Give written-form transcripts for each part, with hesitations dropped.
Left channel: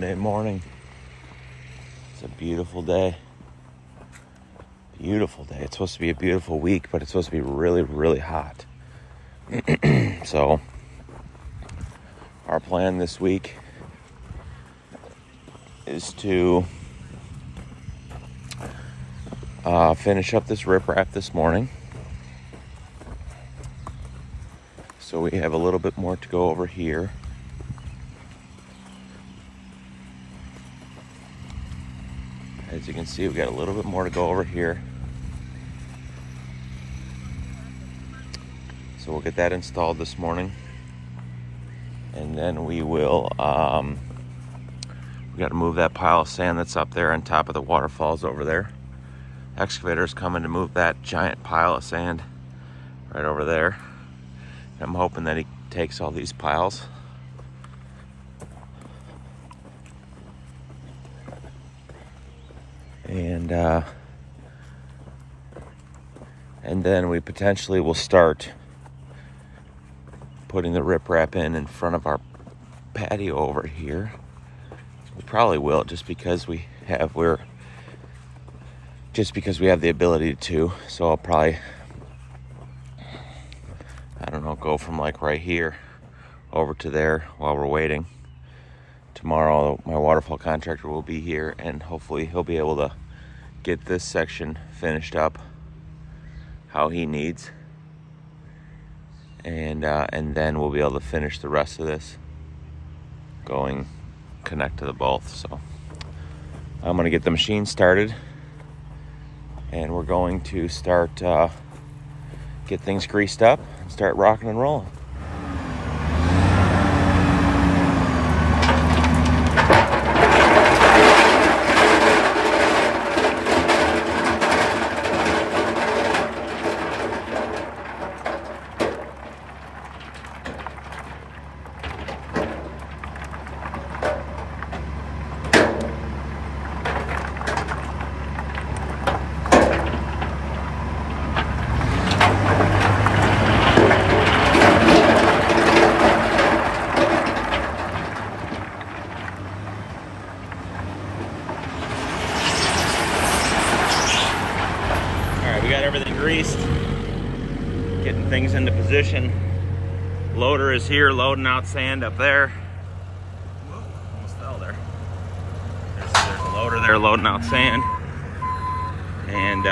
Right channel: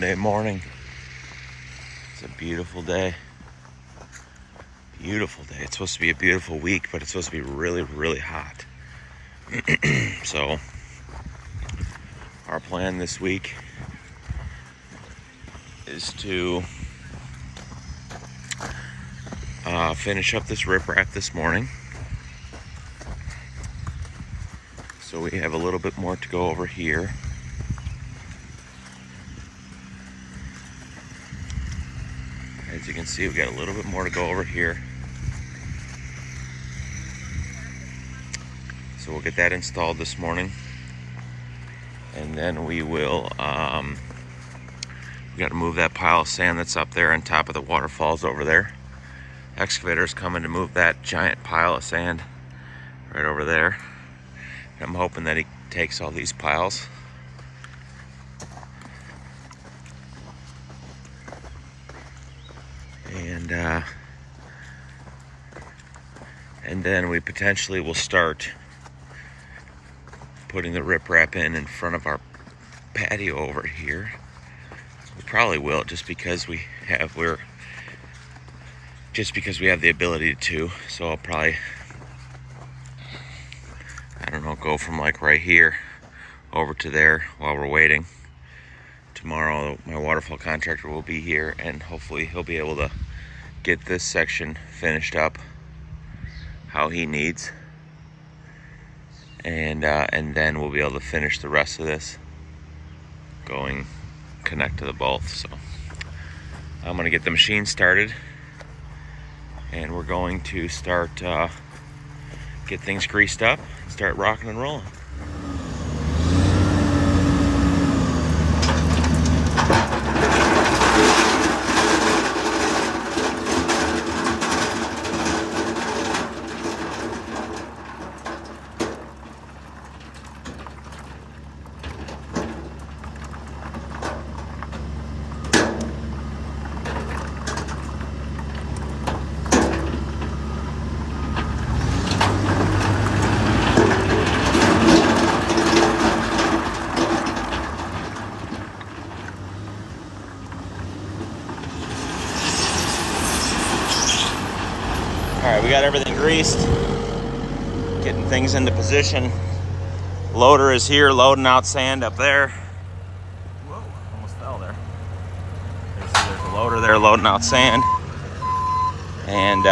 Monday morning. It's a beautiful day. Beautiful day. It's supposed to be a beautiful week, but it's supposed to be really, really hot. So, our plan this week is to finish up this riprap this morning. So we have a little bit more to go over here. As you can see, we've got a little bit more to go over here. So we'll get that installed this morning. And then we will, we got to move that pile of sand that's up there on top of the waterfalls over there. Excavator's coming to move that giant pile of sand right over there. I'm hoping that he takes all these piles. And then we potentially will start putting the riprap in front of our patio over here. We probably will, just because we have the ability to. So I'll probably, I don't know, go from like right here over to there while we're waiting. Tomorrow my waterfall contractor will be here, and hopefully he'll be able to get this section finished up how he needs, and then we'll be able to finish the rest of this, connect to the both. So I'm gonna get the machine started, and we're going to start get things greased up and start rocking and rolling. We got everything greased, getting things into position. Loader is here loading out sand up there. Whoa, almost fell there. There's a loader there loading out sand. And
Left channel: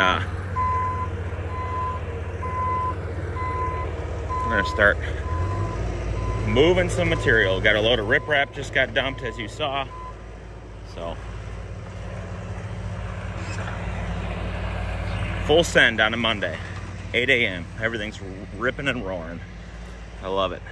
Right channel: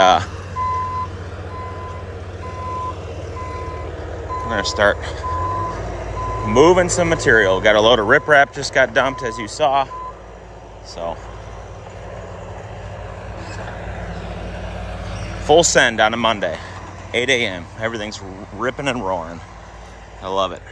we're gonna start moving some material. Got a load of riprap just got dumped, as you saw. So full send on a Monday, 8 a.m. Everything's ripping and roaring. I love it.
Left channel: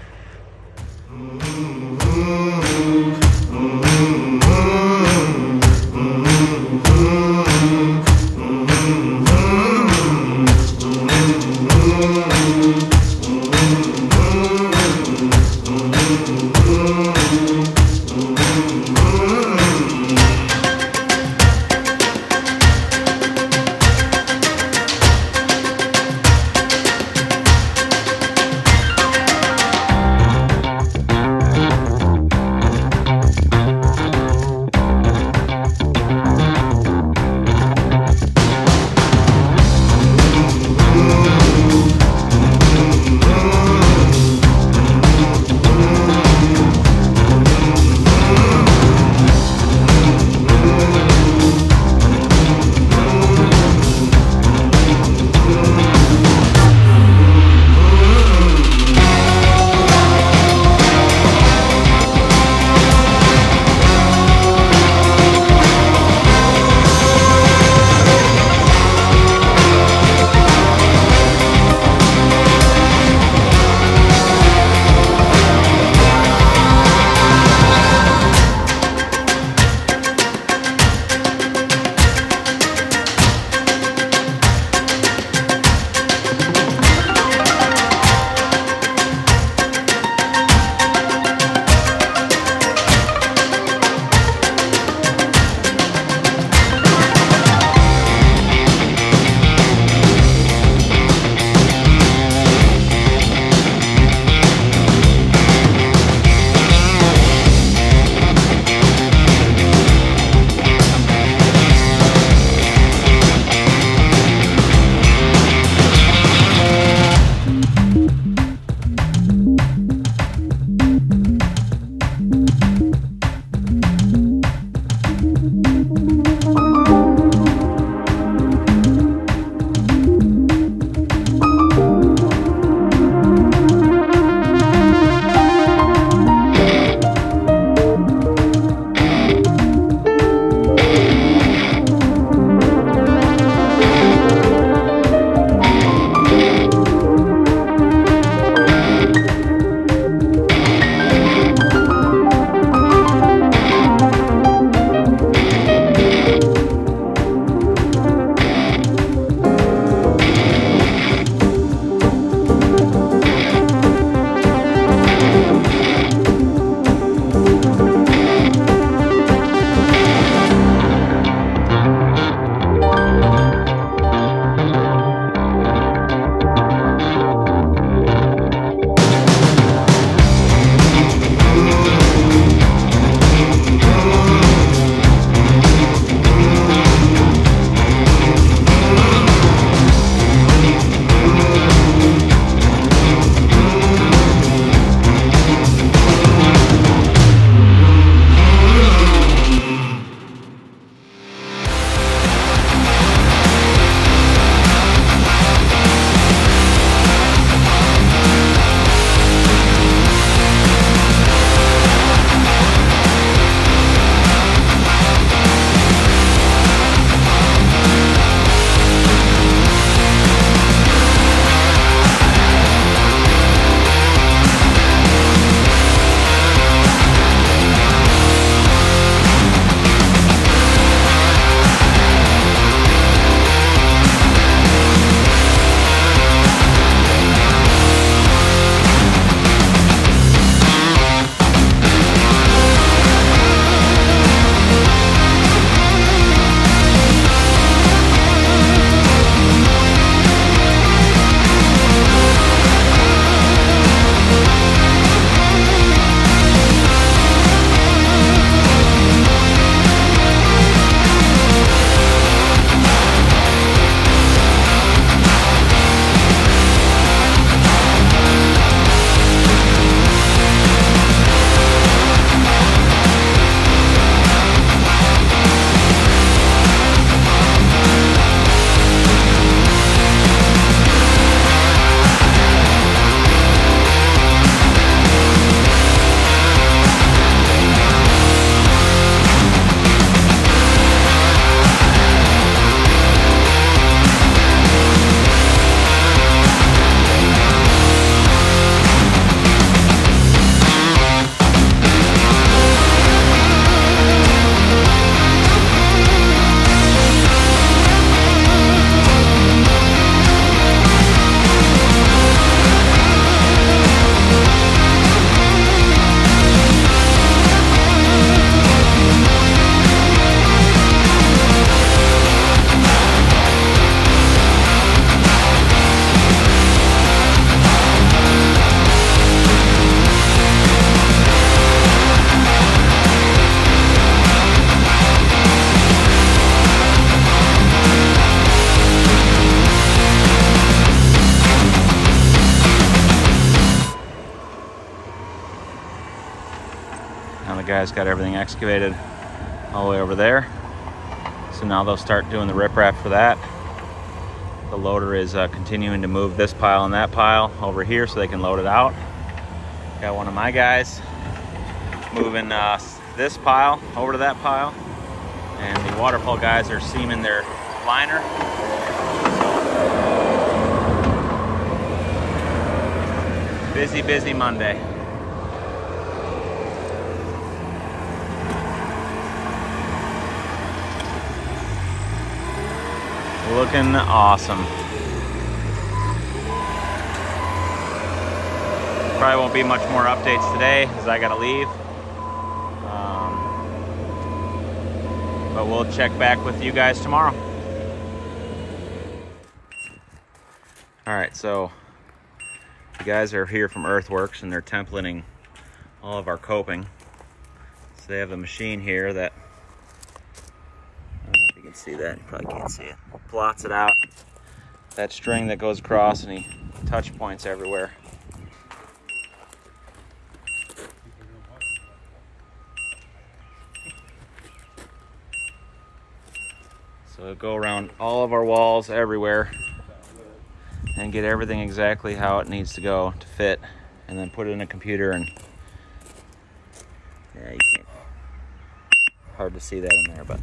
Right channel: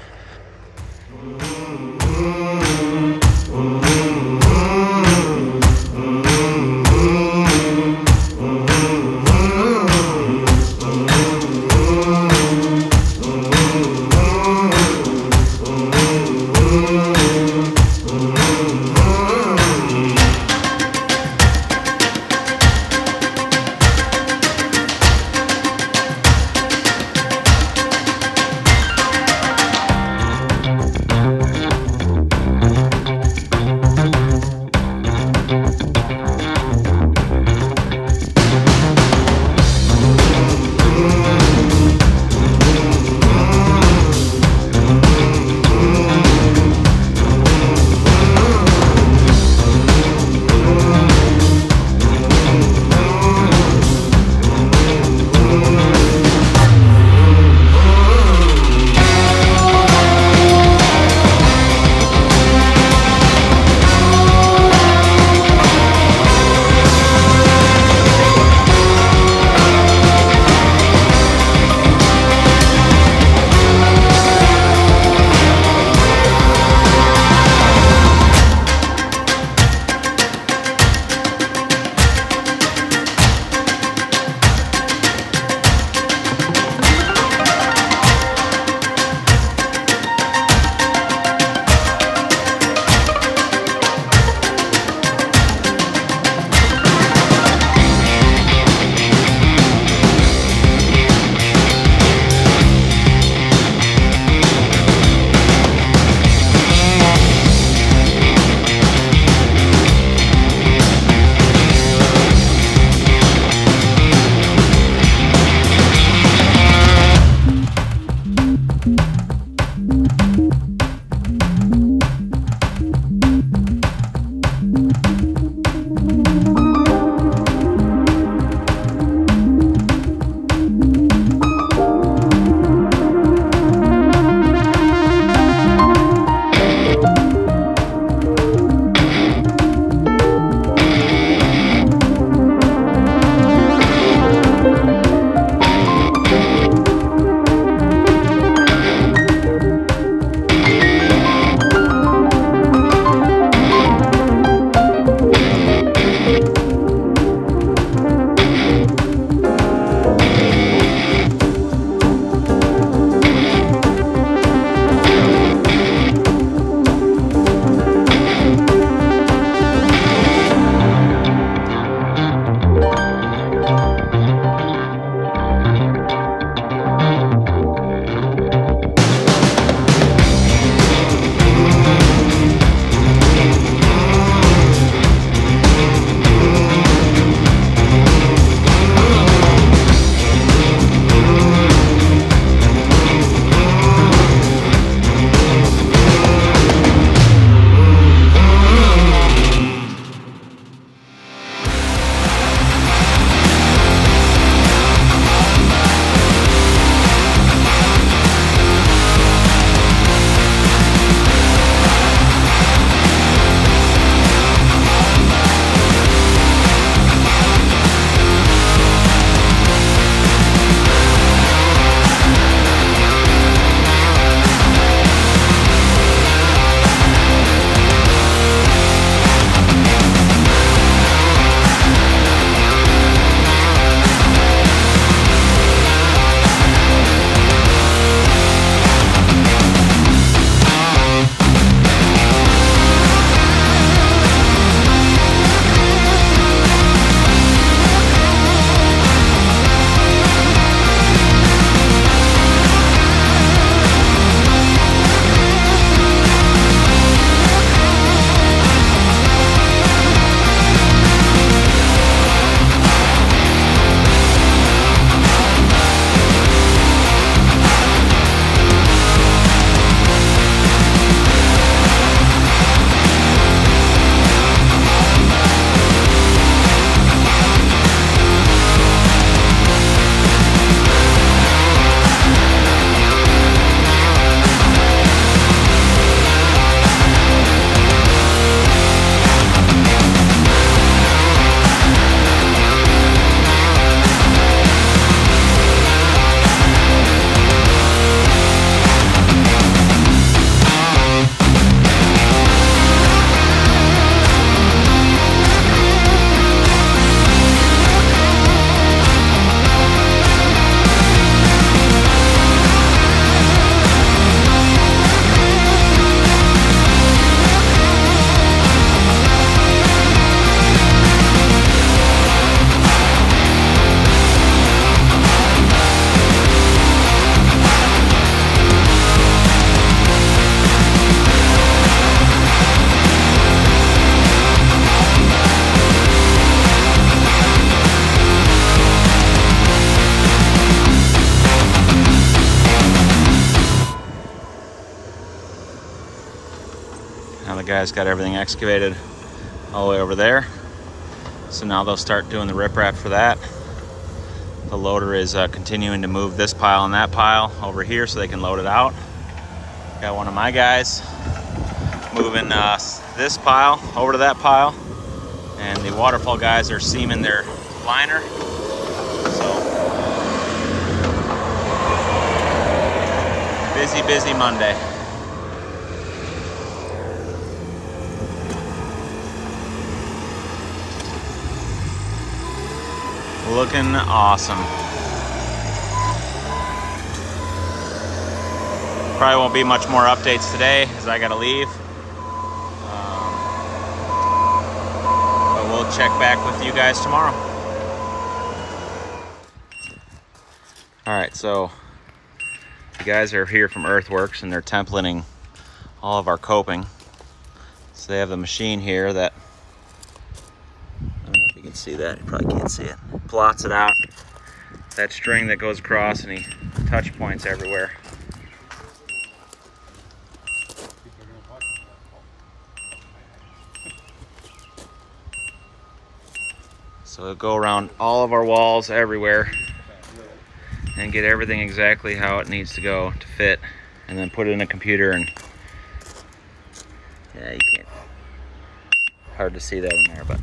guys got everything excavated all the way over there. So now they'll start doing the riprap for that. The loader is continuing to move this pile and that pile over here so they can load it out. Got one of my guys moving this pile over to that pile, and the waterfall guys are seaming their liner. So busy Monday. Looking awesome. Probably won't be much more updates today as I gotta leave. But we'll check back with you guys tomorrow. All right, so the guys are here from Earthworks and they're templating all of our coping. So they have the machine here that, I don't know if you can see that, you probably can't see it. Plots it out. That string that goes across and he touch points everywhere. So it'll go around all of our walls everywhere and get everything exactly how it needs to go to fit, and then put it in a computer. And yeah, you can't, hard to see that in there, but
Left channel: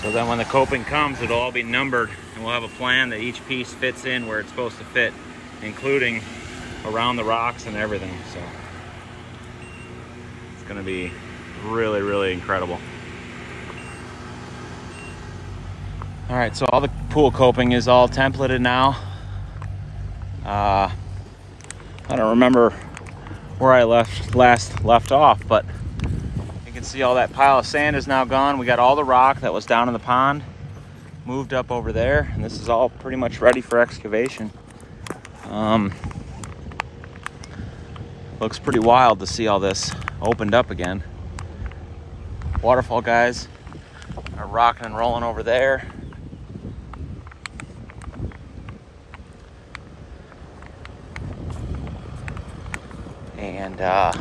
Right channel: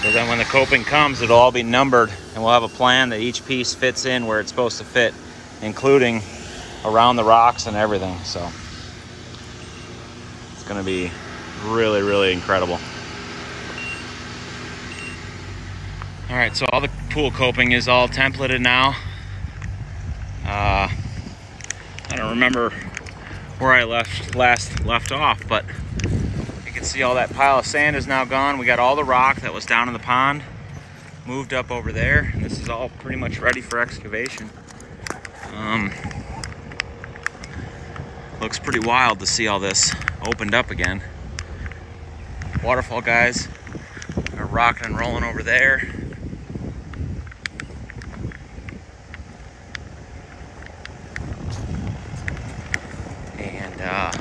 so then when the coping comes, it'll all be numbered and we'll have a plan that each piece fits in where it's supposed to fit, including around the rocks and everything. So it's gonna be really incredible. All right, so all the pool coping is all templated now. I don't remember where I last left off, but you can see all that pile of sand is now gone. We got all the rock that was down in the pond moved up over there, and this is all pretty much ready for excavation. Looks pretty wild to see all this opened up again. Waterfall guys are rocking and rolling over there. And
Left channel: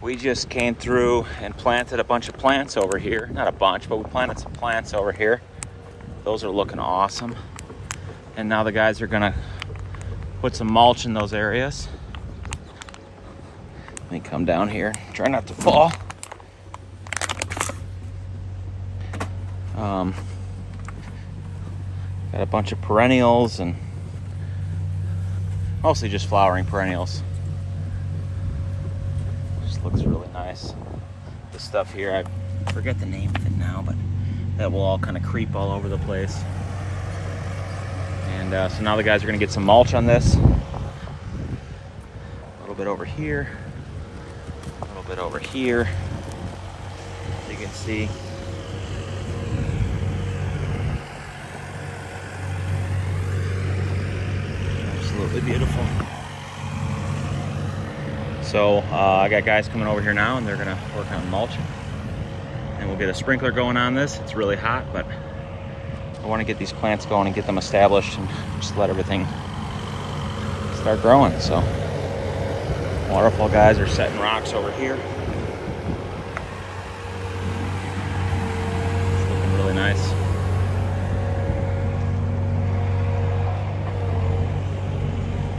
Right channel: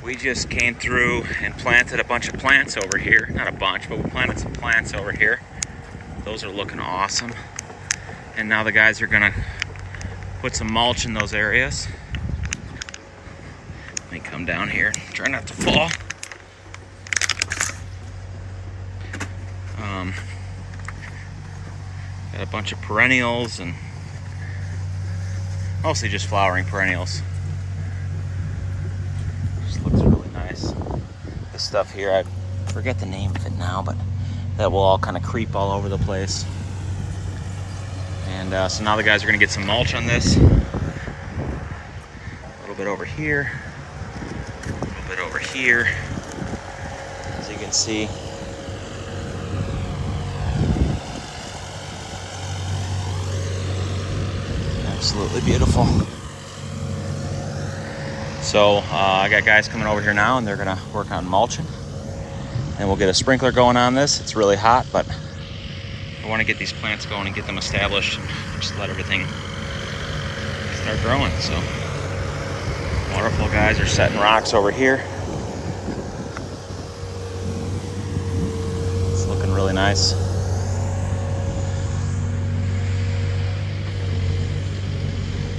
we just came through and planted a bunch of plants over here. Not a bunch, but we planted some plants over here. Those are looking awesome. And now the guys are gonna put some mulch in those areas. Let me come down here, try not to fall. Got a bunch of perennials and mostly just flowering perennials. Looks really nice. This stuff here, I forget the name of it now, but that will all kind of creep all over the place. And so now the guys are gonna get some mulch on this. A little bit over here, a little bit over here, as you can see. Absolutely beautiful. So I got guys coming over here now and they're gonna work on mulching. And we'll get a sprinkler going on this. It's really hot, but I wanna get these plants going and get them established and just let everything start growing. So waterfall guys are setting rocks over here. It's looking really nice.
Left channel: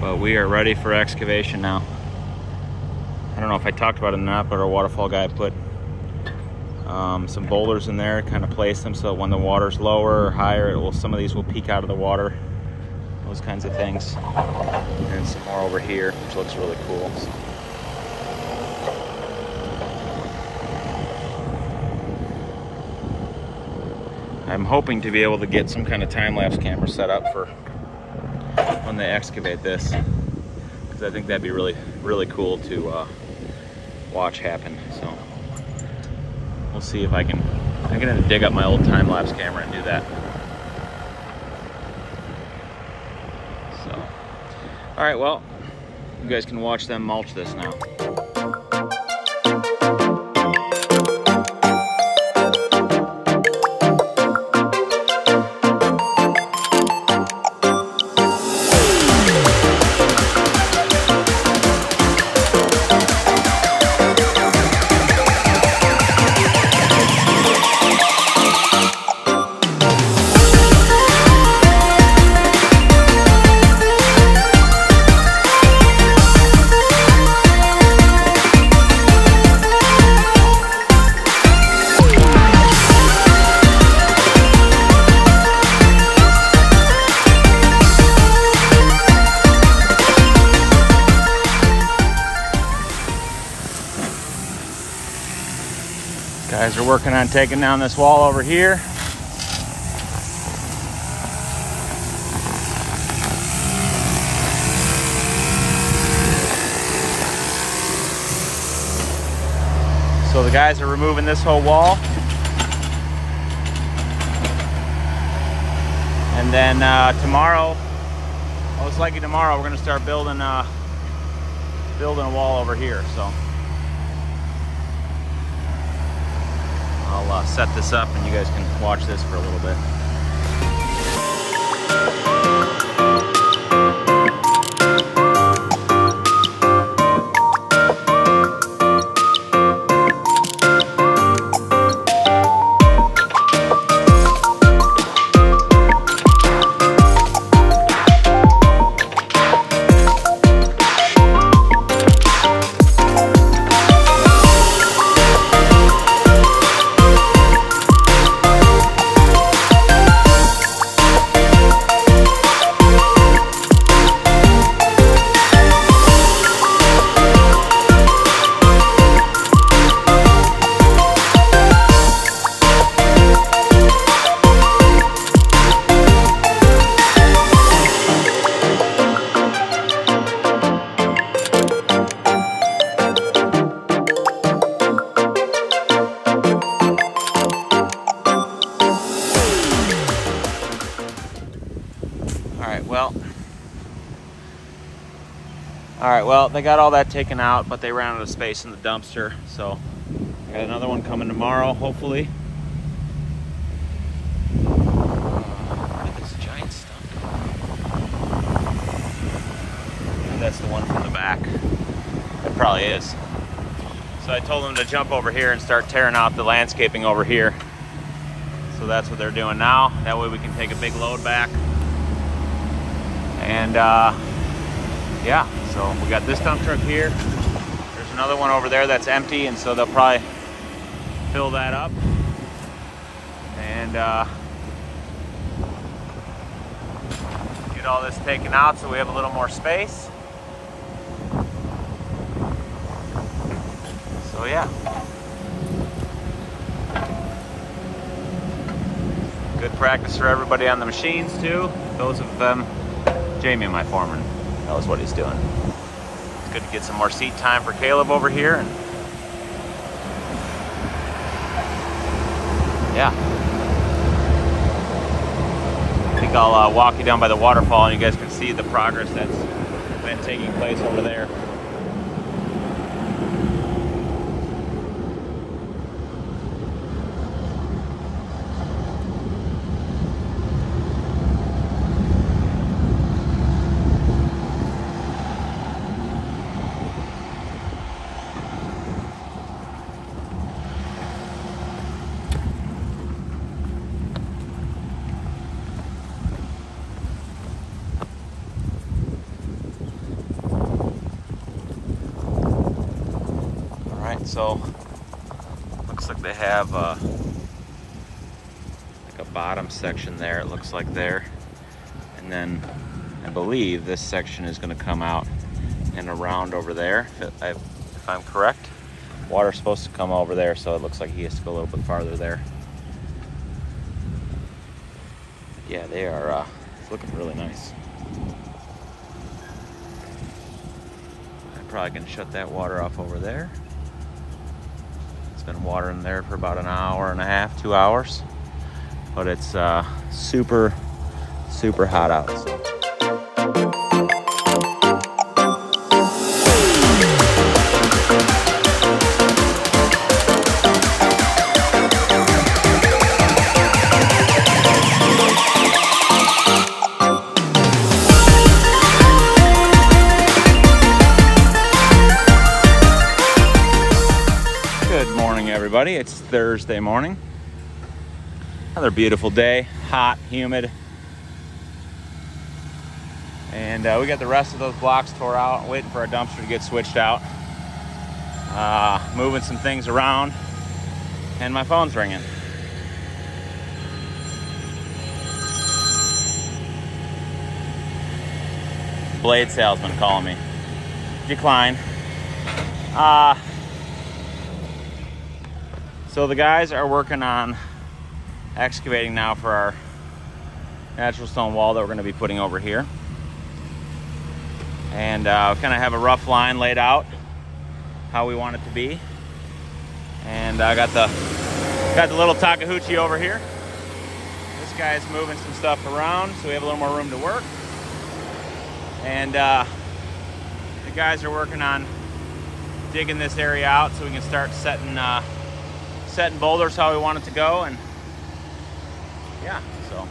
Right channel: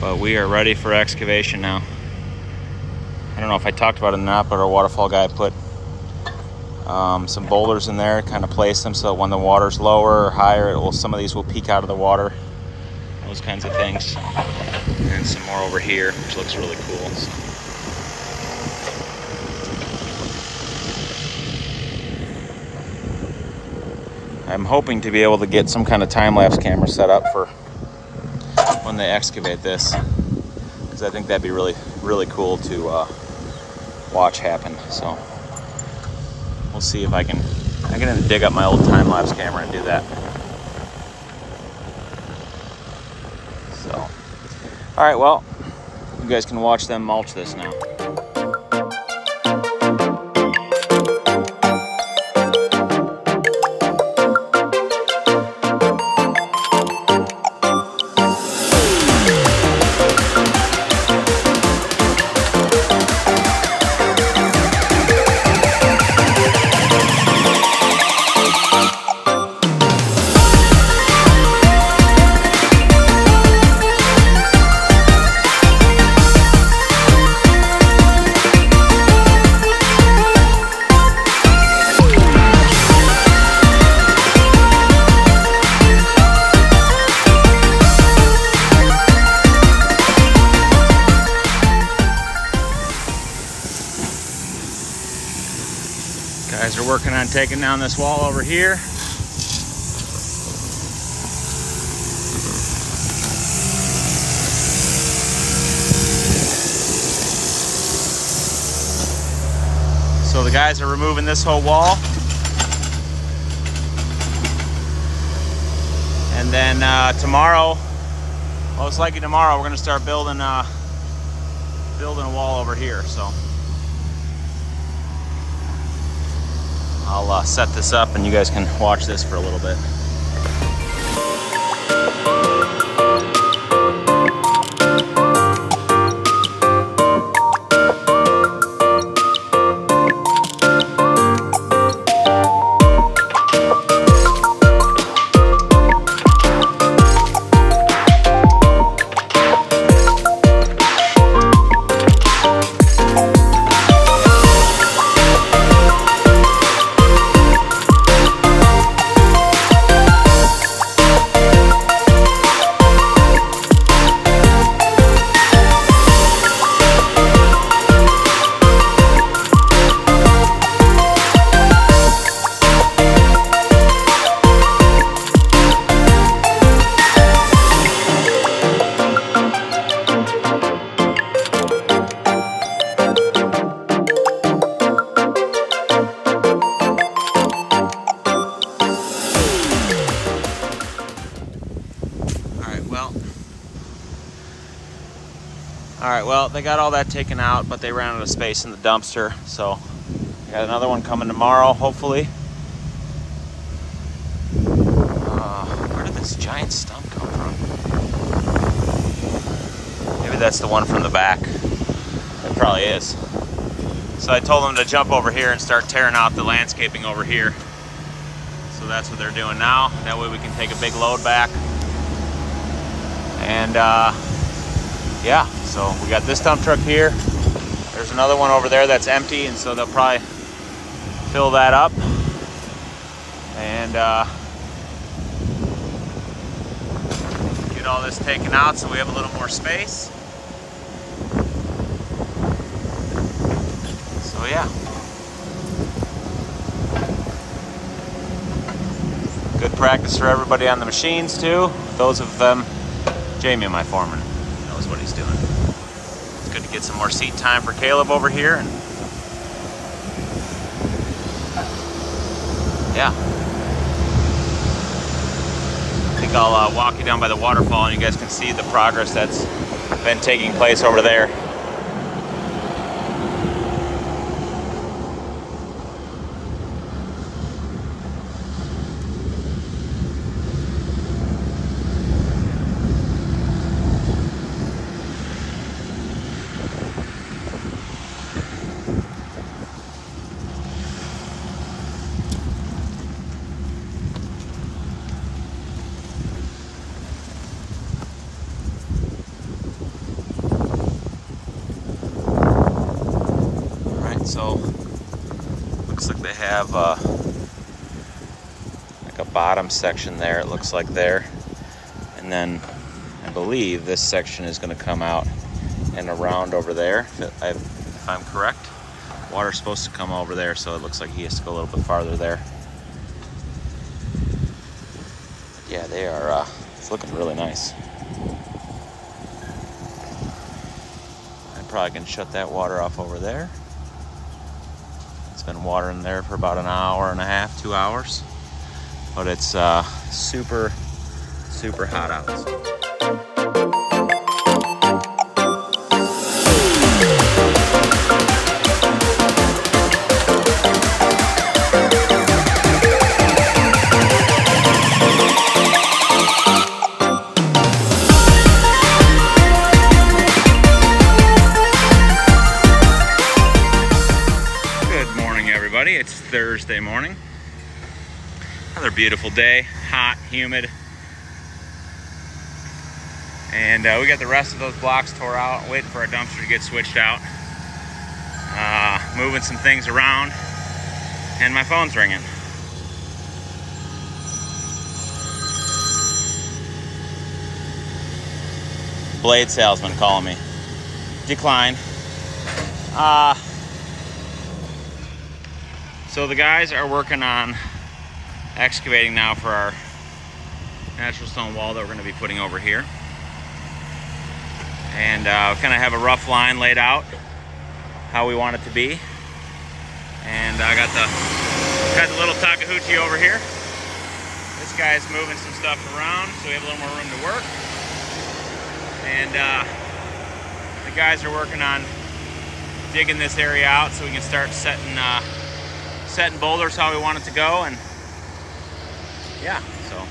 But we are ready for excavation now. I don't know if I talked about it or not, but our waterfall guy put some boulders in there, kind of place them so when the water's lower or higher, some of these will peek out of the water, those kinds of things. And some more over here, which looks really cool. So. I'm hoping to be able to get some kind of time-lapse camera set up for when they excavate this, because I think that'd be really cool to watch happen. So we'll see if I'm gonna dig up my old time-lapse camera and do that. All right, well, you guys can watch them mulch this now. Guys are working on taking down this wall over here. So the guys are removing this whole wall. And then tomorrow, most likely tomorrow, we're gonna start building a wall over here, so. I'll set this up and you guys can watch this for a little bit. All right, well, they got all that taken out, but they ran out of space in the dumpster. So, got another one coming tomorrow, hopefully. Where did this giant stump come from? Maybe that's the one from the back. It probably is. So I told them to jump over here and start tearing out the landscaping over here. So that's what they're doing now. That way we can take a big load back. And yeah, so we got this dump truck here. There's another one over there that's empty, and so they'll probably fill that up. And get all this taken out so we have a little more space. So yeah. Good practice for everybody on the machines too. Those of them, Jamie, my foreman, knows what he's doing. It's good to get some more seat time for Caleb over here. And yeah. I think I'll walk you down by the waterfall and you guys can see the progress that's been taking place over there. So looks like they have like a bottom section there, it looks like there, and then I believe this section is going to come out and around over there, if I'm correct. Water's supposed to come over there, so it looks like he has to go a little bit farther there. But yeah, they are it's looking really nice. I probably can shut that water off over there. It's been watering there for about an hour and a half, 2 hours, but it's super hot out. So. morning, everybody. It's Thursday morning. Another beautiful day, hot, humid. And we got the rest of those blocks tore out, waiting for our dumpster to get switched out. Moving some things around, and my phone's ringing. Blade salesman calling me. Decline. So the guys are working on excavating now for our natural stone wall that we're going to be putting over here. And kind of have a rough line laid out how we want it to be. And I got the little Takeuchi over here. This guy's moving some stuff around so we have a little more room to work. And the guys are working on digging this area out so we can start setting boulders how we want it to go. And yeah, so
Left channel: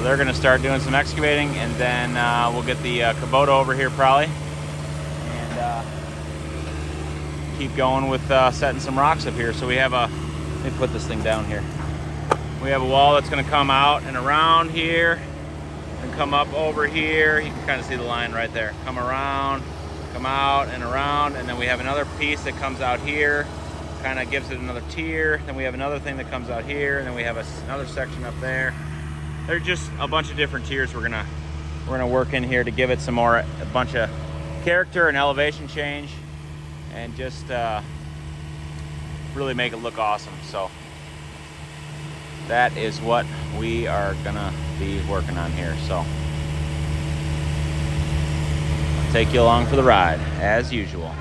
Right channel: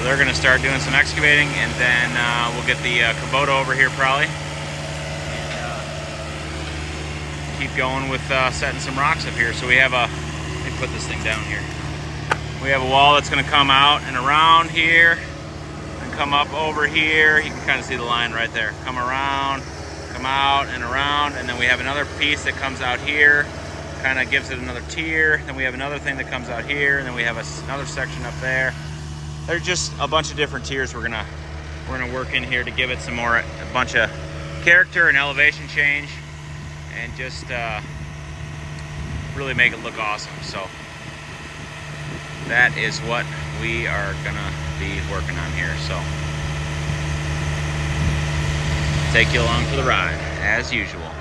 they're going to start doing some excavating, and then we'll get the Kubota over here probably, and keep going with setting some rocks up here. So we have let me put this thing down here. We have a wall that's going to come out and around here and come up over here. You can kind of see the line right there. Come around, come out and around, and then we have another piece that comes out here, kind of gives it another tier. Then we have another thing that comes out here, and then we have another section up there. There's just a bunch of different tiers we're gonna work in here to give it a bunch of character and elevation change, and just really make it look awesome. So that is what we are gonna be working on here. So I'll take you along for the ride as usual.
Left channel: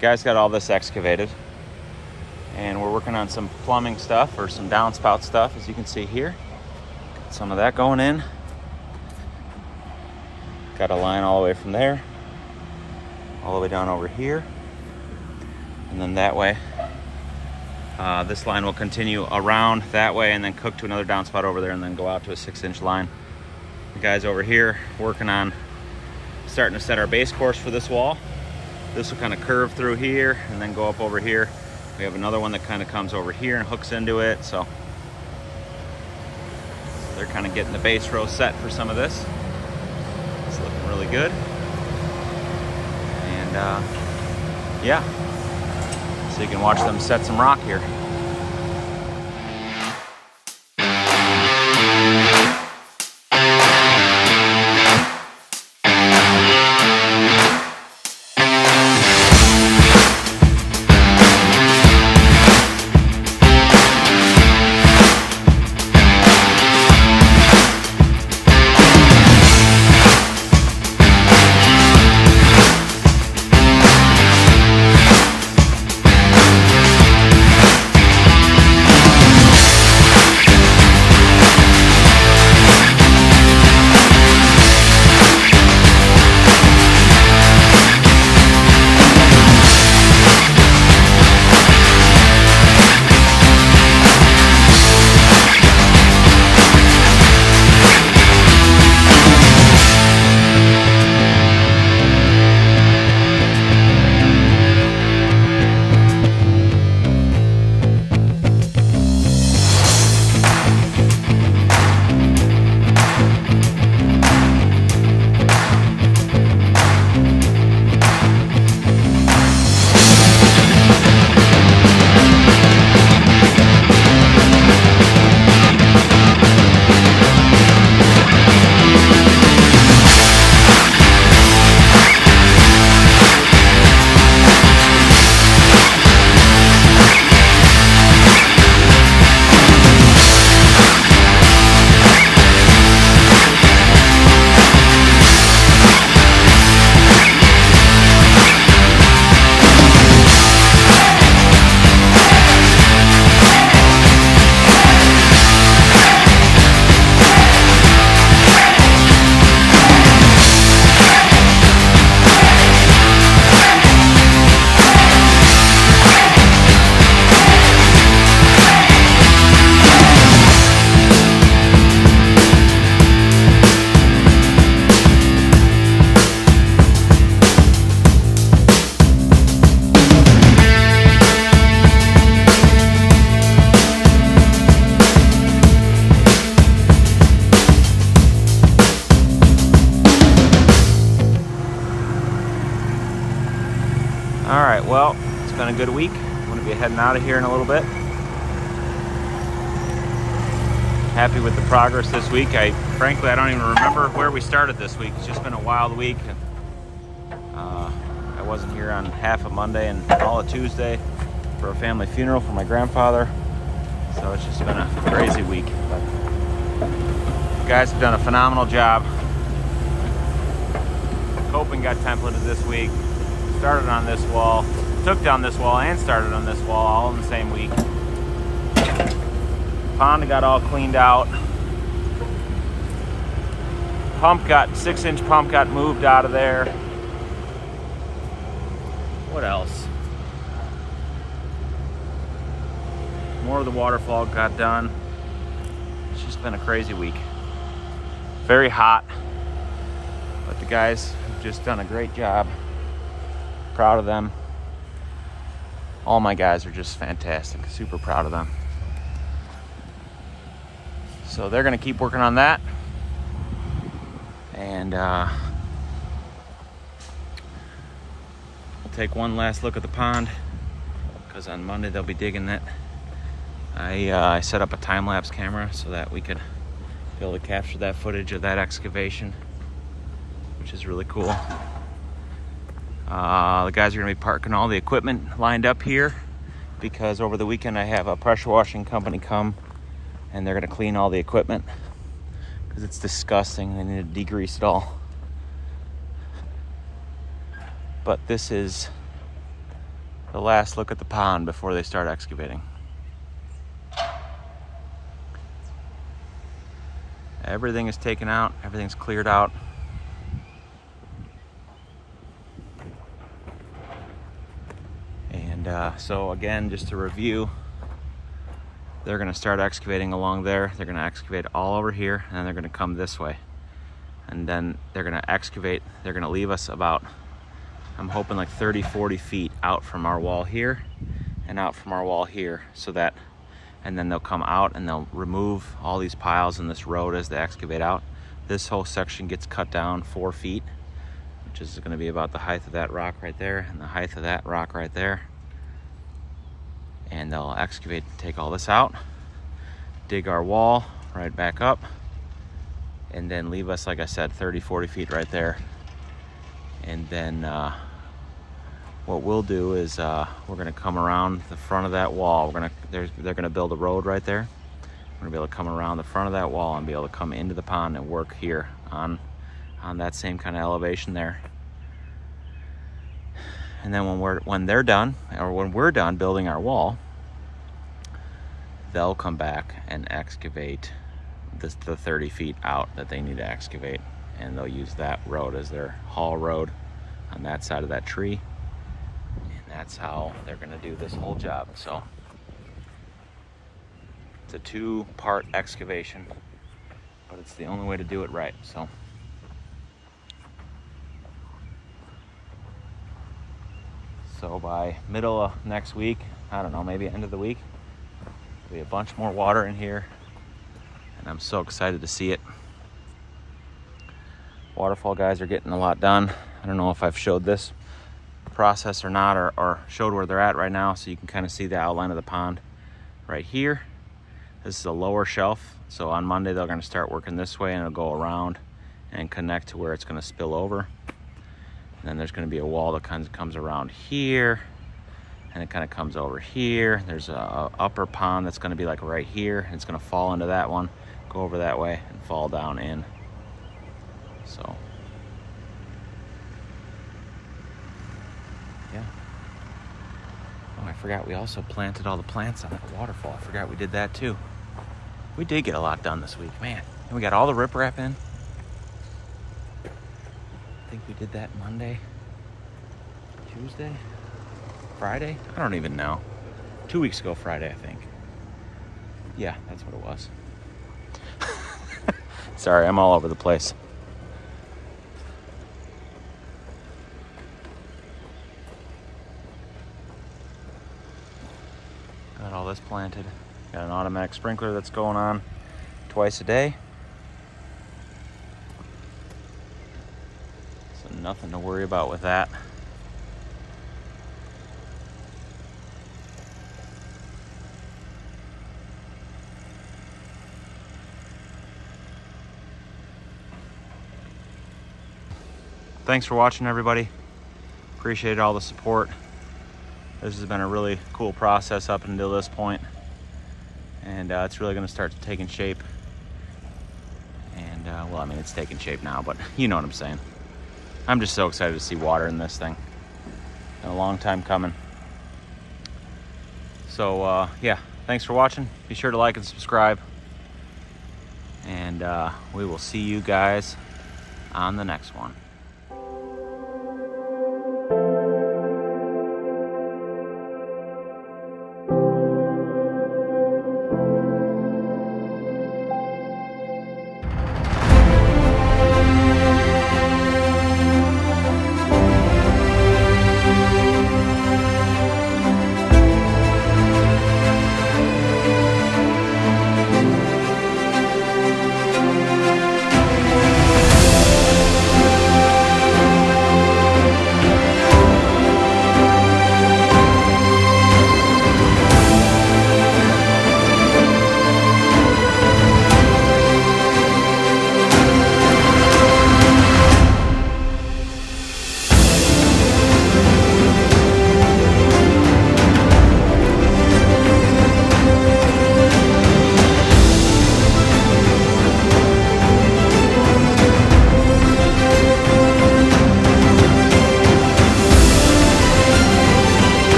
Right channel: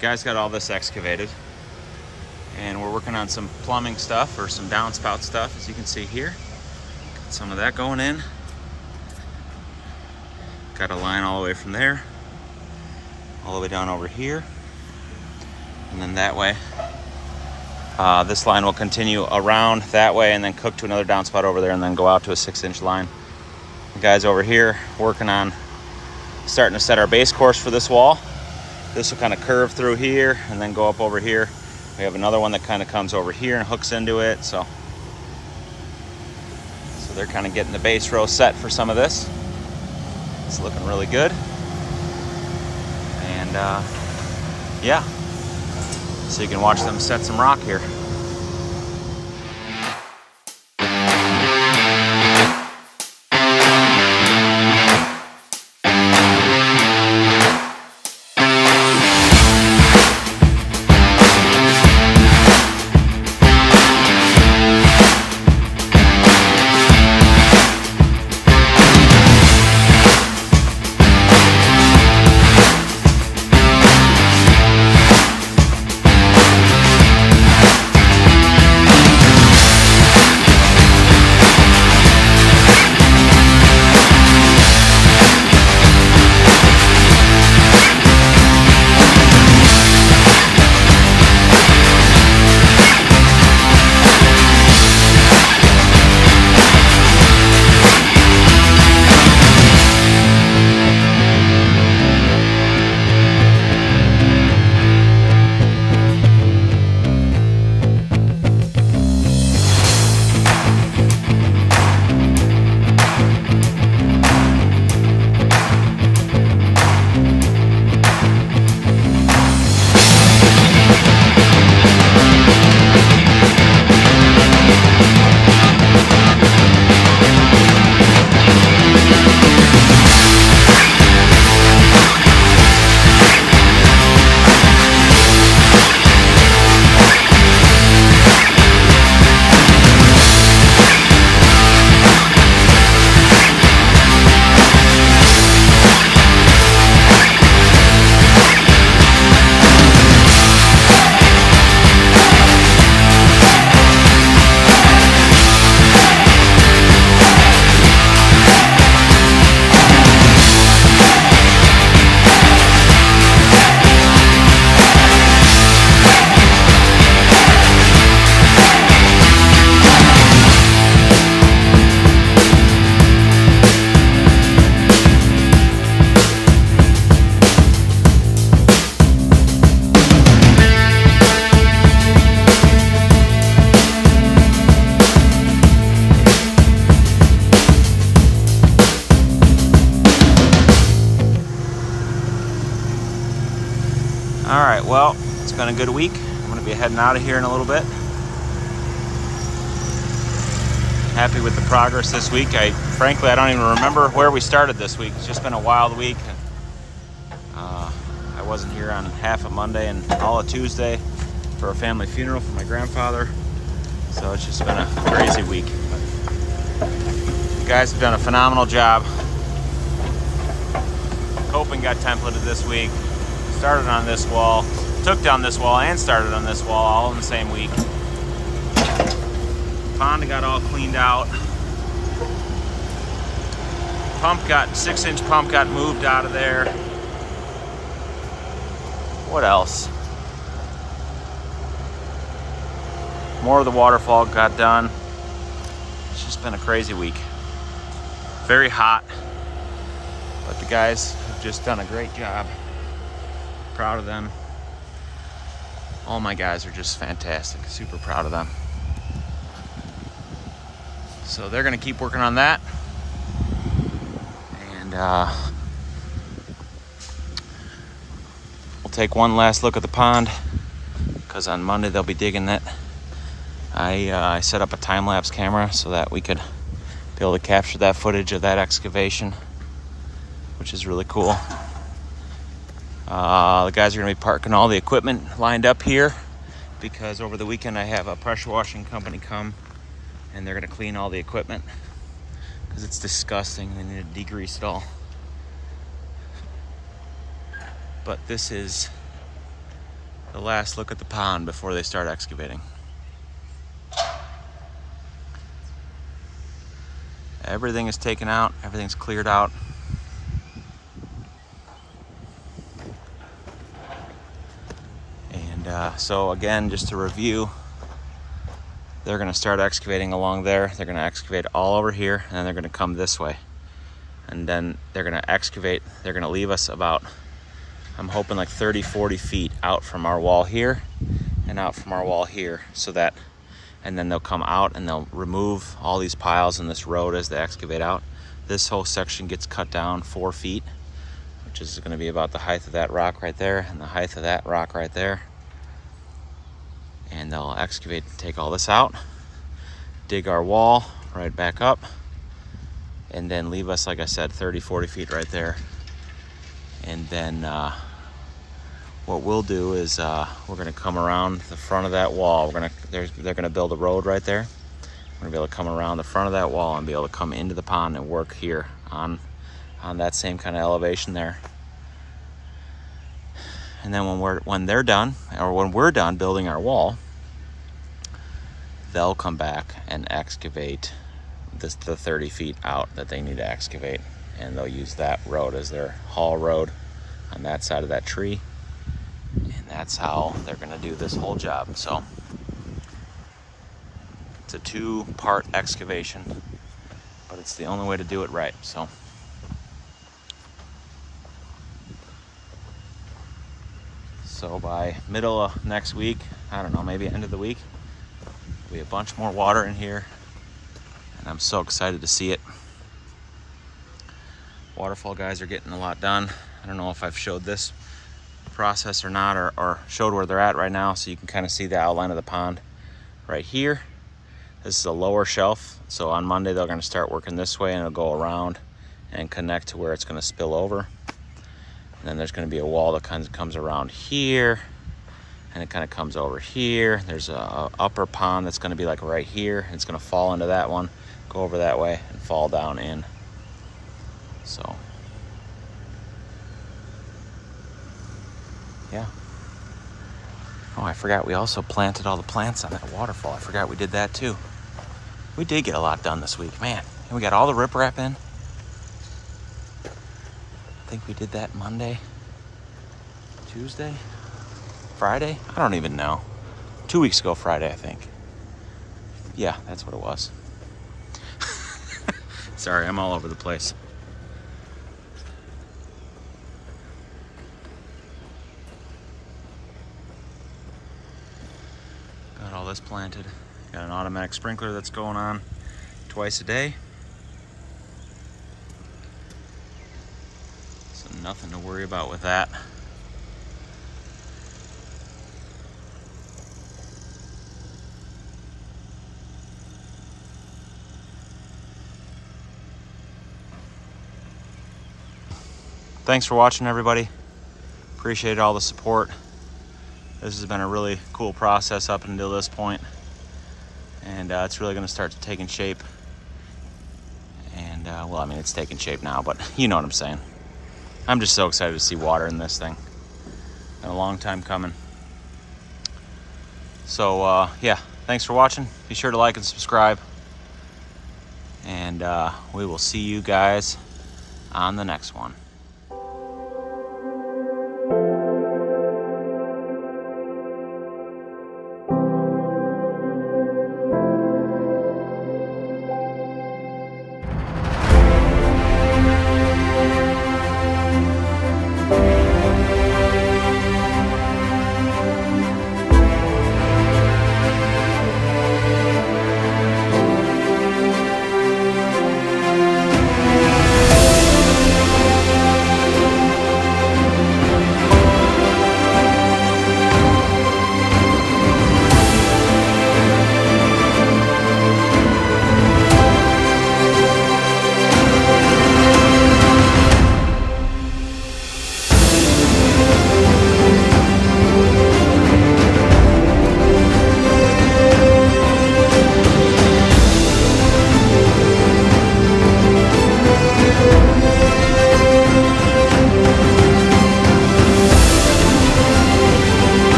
Guys got all this excavated, and we're working on some plumbing stuff or some downspout stuff, as you can see here. Got some of that going in. Got a line all the way from there all the way down over here, and then that way this line will continue around that way and then cook to another downspout over there and then go out to a 6-inch line. The guys over here working on starting to set our base course for this wall. This will kind of curve through here and then go up over here. We have another one that kind of comes over here and hooks into it. So they're kind of getting the base row set for some of this. It's looking really good. And yeah, so you can watch them set some rock here. All right, well, it's been a good week. I'm gonna be heading out of here in a little bit. Happy with the progress this week. Frankly, I don't even remember where we started this week. It's just been a wild week. I wasn't here on half of Monday and all of Tuesday for a family funeral for my grandfather. So it's just been a crazy week. But you guys have done a phenomenal job. Coping got templated this week. Started on this wall, took down this wall and started on this wall all in the same week. Pond got all cleaned out. Pump got, 6-inch pump got moved out of there. What else? More of the waterfall got done. It's just been a crazy week. Very hot, but the guys have just done a great job. Proud of them. All my guys are just fantastic. Super proud of them. So they're gonna keep working on that. And we'll take one last look at the pond, because on Monday they'll be digging it. I set up a time-lapse camera so that we could be able to capture that footage of that excavation, which is really cool. The guys are gonna be parking all the equipment lined up here, because over the weekend I have a pressure washing company come and they're gonna clean all the equipment because it's disgusting. They need to degrease it all. But this is the last look at the pond before they start excavating. Everything is taken out, everything's cleared out. And so again, just to review, they're gonna start excavating along there. They're gonna excavate all over here, and then they're gonna come this way. And then they're gonna excavate, they're gonna leave us about, I'm hoping like 30, 40 feet out from our wall here and out from our wall here, so that, and then they'll come out and they'll remove all these piles in this road as they excavate out. This whole section gets cut down 4 feet, which is gonna be about the height of that rock right there and the height of that rock right there. And they'll excavate, take all this out, dig our wall right back up, and then leave us, like I said, 30, 40 feet right there. And then what we'll do is we're gonna come around the front of that wall. They're gonna build a road right there. We're gonna be able to come around the front of that wall and be able to come into the pond and work here on that same kind of elevation there. And then when they're done, or when we're done building our wall, they'll come back and excavate the 30 feet out that they need to excavate. And they'll use that road as their haul road on that side of that tree. And that's how they're gonna do this whole job. So it's a 2-part excavation, but it's the only way to do it right. So by middle of next week, I don't know, maybe end of the week, there'll be a bunch more water in here, and I'm so excited to see it. Waterfall guys are getting a lot done. I don't know if I've showed this process or not, or showed where they're at right now, so you can kind of see the outline of the pond right here. This is a lower shelf, so on Monday they're gonna start working this way, and it'll go around and connect to where it's gonna spill over. And then there's gonna be a wall that kind of comes around here, and it kind of comes over here. There's a upper pond that's gonna be like right here, and it's gonna fall into that one, go over that way, and fall down in. So, yeah. Oh, I forgot, we also planted all the plants on that waterfall. I forgot we did that too. We did get a lot done this week, man. And we got all the riprap in. I think we did that Monday, Tuesday, Friday? I don't even know. 2 weeks ago Friday, I think. Yeah, that's what it was. Sorry, I'm all over the place. Got all this planted. Got an automatic sprinkler that's going on twice a day. So nothing to worry about with that. thanks for watching, everybody. Appreciate all the support. This has been a really cool process up until this point, and it's really going to start taking shape. And well, I mean, it's taking shape now, but you know what I'm saying. I'm just so excited to see water in this thing. Been a long time coming. So yeah, thanks for watching. Be sure to like and subscribe, and we will see you guys on the next one.